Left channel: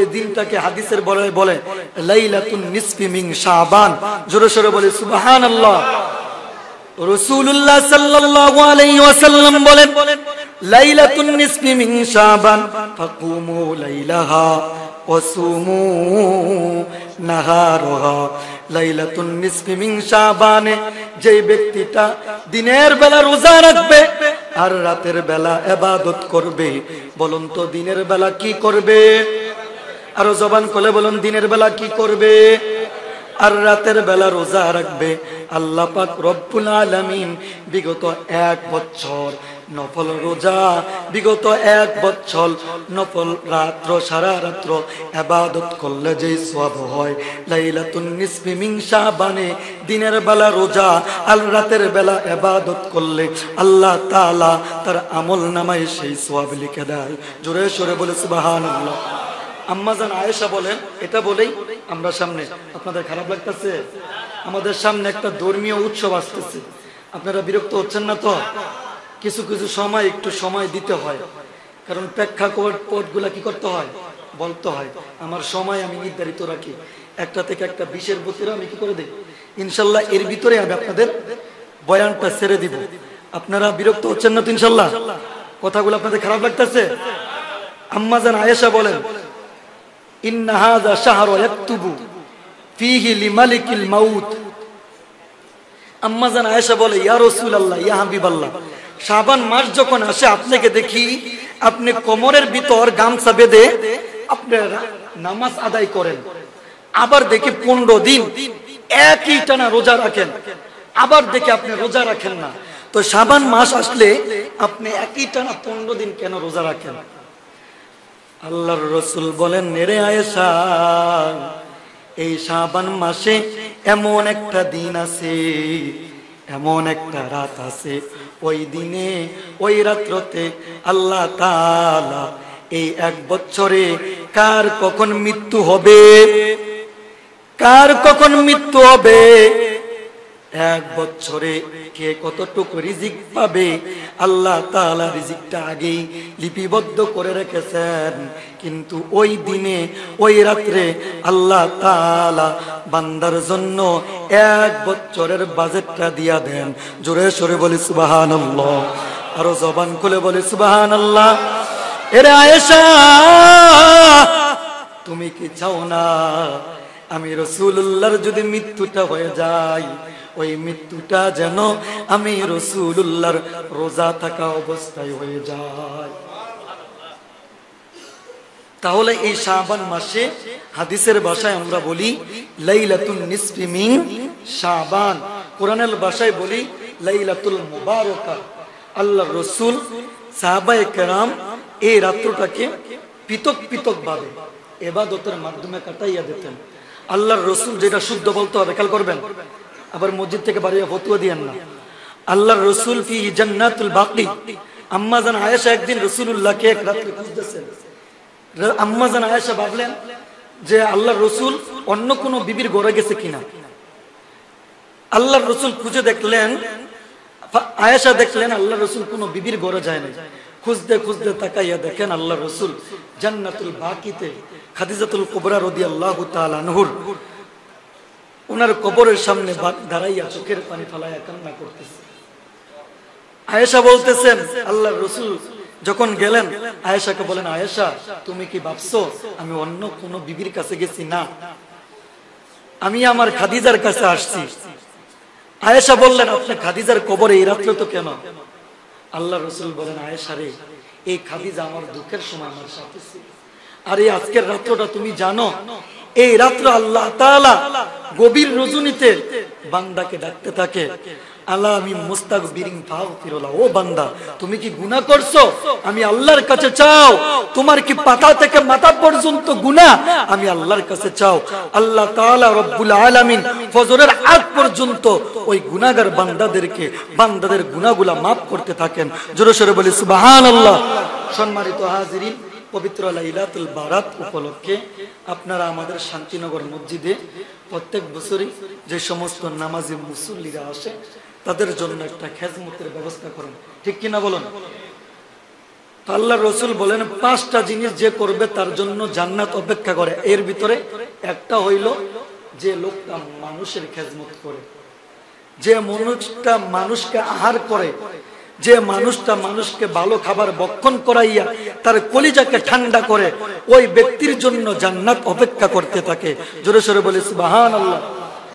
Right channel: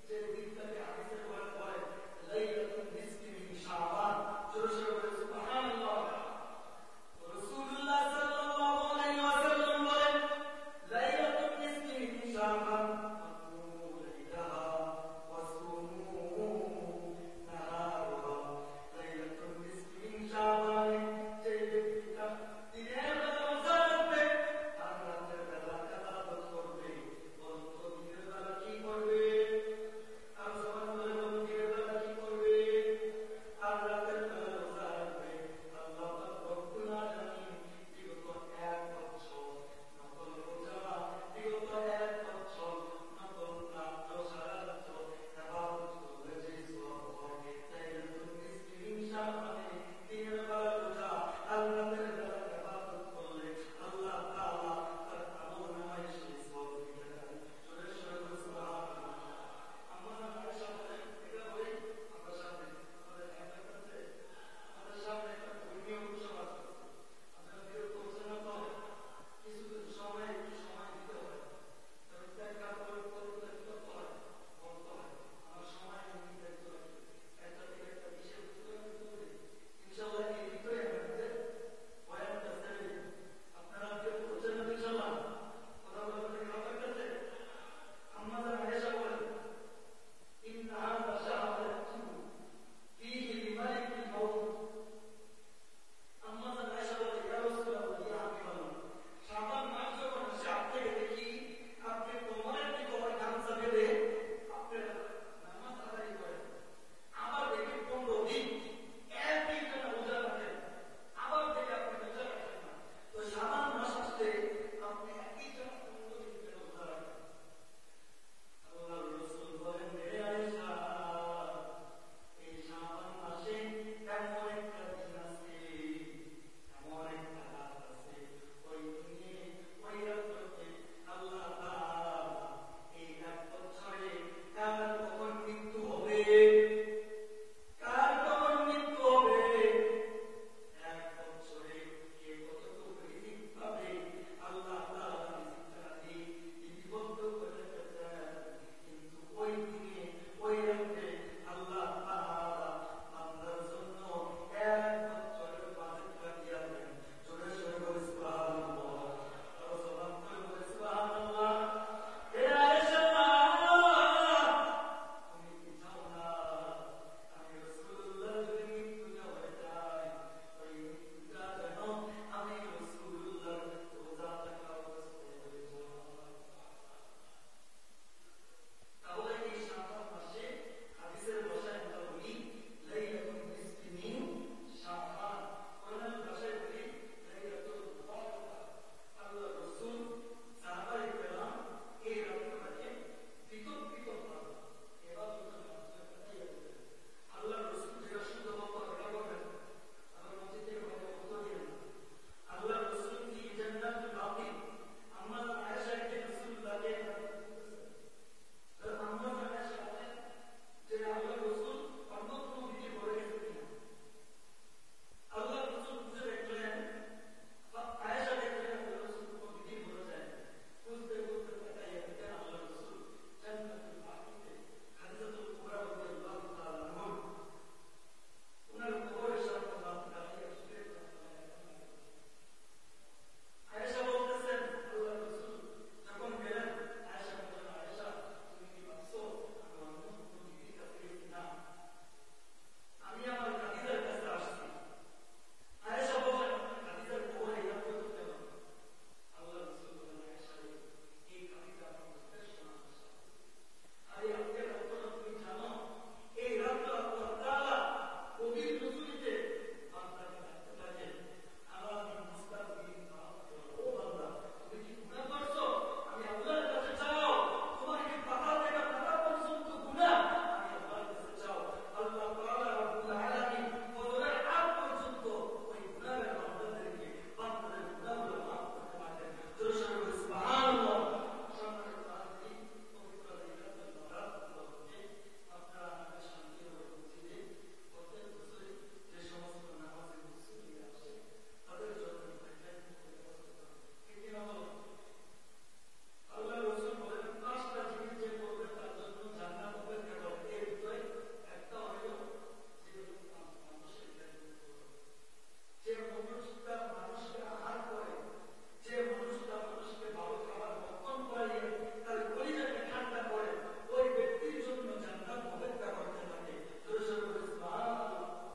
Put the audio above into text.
এই দিনটাকে হাদিসের বলে লাইলাতুন নিসফি মিন শাবান। জোরে সোরে বলে সুবহানাল্লাহ। রাসূলুল্লাহ সাল্লাল্লাহু আলাইহি ওয়াসাল্লাম বলেন লাইলাতুন নিসফি মিন শাবান ফাকুমু লাইলাহা ওয়াসুমু নাহারাহা। লাইলাতুন নিসফি মিন শাবানে যে ব্যক্তিটা দিনের বেলা রোজা রাখবে আর রাতের বেলা ইবাদত করবে, বলুন তো দিনের বেলা কি করবে? আরো জবান খুলে বলুন দিনের বেলা কি করবে আর রাতের বেলা রোজা রাখবে। আল্লাহ পাক রব্বুল আলামিন বিগত 1 বছর নফল রোজা, বিগত 1 বছর নফল রাত্র সারা রাত্র ইবাদত করলে যে সওয়াব হয়, লাইলাতুন নিসফি মিন শাবানে দিনের বেলা রোজা আর রাতের বেলা ইবাদত করলে আল্লাহ তাআলা তার আমলনামায় সেই সওয়াব লিখে দেয়। জোরে সোরে বলে সুবহানাল্লাহ। আম্মাজান আয়েশা বলেন, এটা বলেই আমরা সামনে, আপনাদের খারাপ লাগতেছে? আমাদের সামনে একটা ধর্মীয় উৎসব আসতেছে, আপনারা বিরক্ত হচ্ছেন না তো? কিছু কিছু সময় একটু সময় দিতে হয়, কারণ প্রেক্ষাপটগুলা কি করতে হয়, বলতে হয়। আমার সময় আমি নির্ধারিত রাখি, 1টা থেকে 1টা 20-এর ভিতরে আমি কি করে দিই, ইনশাল্লাহ এর ভিতরে আমি আপনাদের বয়ানটা ছেড়ে দিব। আপনারা বিরক্ত হচ্ছেন না তো ইনশাল্লাহ? কথাগুলো আপনাদের খারাপ লাগতেছে? আম্মাজান আয়েশা বলেন ইন্না হাযা শাহরু ইয়াকতুবু ফীহি লিমালিকিল মাউত। আম্মাজান আয়েশা বলে ইয়া রাসূলুল্লাহ, ইয়া হাবিবাল্লাহ, শাবান মাস যখন আসে আপনাকে দেখি আপনি কোমরের ভিতর গামছা বেঁধে আপনারা নামাজ আদায় করেন, আবার দেখি 15 দিন একই টানা রোজা রাখেন, আবার দেখি আপনি রোজা রাখেন না। তো শাবান মাস আসলে আপনি একই টানা 15 দিন কেন রোজা রাখেন? আল্লাহর রাসূল বলেন নেরে আয়েশা, এই শাবান মাসে এমন একটা দিন আছে, এমন একটা রাত আছে, ওই দিনে ওই রাত্রতে আল্লাহ তাআলা এই 1 বছরে কার কখন মৃত্যু হবে, কার কখন মৃত্যু হবে, 1 বছরে কে কতটুকু রিজিক পাবে, আল্লাহ তাআলা রিজিকটা আগেই লিপিবদ্ধ করে রেখেছেন। কিন্তু ওই দিনে ওই রাত্রে আল্লাহ তাআলা বান্দার জন্য 1 বছরের বাজেটটা দিয়া দেন। জোরে সোরে বলি সুবহানাল্লাহ, আরো জবান খুলে বলি সুবহানাল্লাহ। এরে আয়েশা, তুমি কি চাও না আমি রাসূলুল্লাহর যদি মৃত্যুটা হয়ে যায়, ওই মৃত্যুটা যেন আমি রাসূলুল্লাহর রোজা থাকা অবস্থায় হয়ে যায়? তাহলে এই শাবান মাসে হাদিসের ভাষায় আমরা বলি লাইলাতুন নিসফি মিন শাবান, কোরআনের ভাষায় বলি লাইলাতুল মুবারাকা। আল্লাহর রাসূল সাহাবায়ে কেরাম এই রাত্রটাকে পৃথক পৃথক ভাবে ইবাদতের মাধ্যমে কাটাইয়া দিতেন। আল্লাহর রাসূল যেটা শুদ্ধ বলতে হবে খেয়াল করবেন, আবার মসজিদ থেকে বাড়িয়ে ফতোয়া দিয়েন না। আল্লাহর রাসূল ফি জান্নাতুল বাকি। আম্মাজান আয়েশা একদিন রাসূলুল্লাহকে এক রাতে খুঁজতেছেন। আম্মাজান আয়েশা ভাবলেন যে আল্লাহর রাসূল অন্য কোন বিবির ঘরে গেছে কিনা। আল্লাহর রাসূল খুঁজে দেখলেন, আয়েশা দেখলেন আল্লাহর রাসূল কোন বিবির ঘরে যায় না। খুঁজতে খুঁজতে তাকাইয়া দেখেন আল্লাহর রাসূল জান্নাতুল বাকিতে খাদিজাতুল কুবরা রাদিয়াল্লাহু তাআলা আনহুর ওনার কবরের সামনে দাঁড়াইয়া চোখের পানি ফেলাইয়া কান্না করতেছে। আয়েশা বলতেছেন আল্লাহর রাসূল যখন গেলেন আয়েশাকে বলেন, আয়েশা তুমি কি ভাবছো আমি অন্য কোন বিবির কাছে গেছি? না, আমি আমার খাদিজার কাছে আসছি। আয়েশা বললেন আপনি খাদিজার কবরে এই রাত্রে তো কেন? আল্লাহর রাসূল বলেন, আয়েশা রে, এই খাদিজা আমার দুঃখের সময় আমার সাথে ছিল, আর এই আজকের রাত্রটা তুমি জানো, এই রাত্র আল্লাহ তাআলা গভীর রজনীতে বান্দাকে ডাকতে থাকে, আল্লাহ আমি মুস্তাগফিরিন ফাগফিরুল্লাহ, ও বান্দা তুমি কি গুনাহ করছো? আমি আল্লাহর কাছে চাও। তোমার কি পাতা থেকে মাথা পর্যন্ত গুনাহ? আমি আল্লাহর কাছে চাও। আল্লাহ তাআলা রব্বুল আলামিন ফজরের আগ পর্যন্ত ওই গুনাহগার বান্দাদেরকে বান্দাদের গুনাহগুলা maaf করতে থাকেন। জোরে সোরে বলি সুবহানাল্লাহ। সম্মানিত হাজিরিন, পবিত্র লাইলাতুল বারাত উপলক্ষে আপনারা আমাদের শান্তিনগর মসজিদে প্রত্যেক বছরই যে সমস্ত নামাজি মুসল্লিরা আসে তাদের জন্য একটা খেজমতের ব্যবস্থা করেন, ঠিক কিনা বলুন? তো আল্লাহ রসুল বলেন 5টা জিনিস যে করবে তার জন্য জান্নাত অপেক্ষা করে। এর ভিতরে একটা হইল যে লোকটা মানুষের খেদমত করে, যে মানুষটা মানুষকে আহার করে, যে মানুষটা মানুষকে ভালো খাবার ভক্ষণ করাইয়া তার কলিজাকে ঠান্ডা করে, ওই ব্যক্তির জন্য জান্নাত অপেক্ষা করতে থাকে। জোরে সোরে বলি সুবহানাল্লাহ।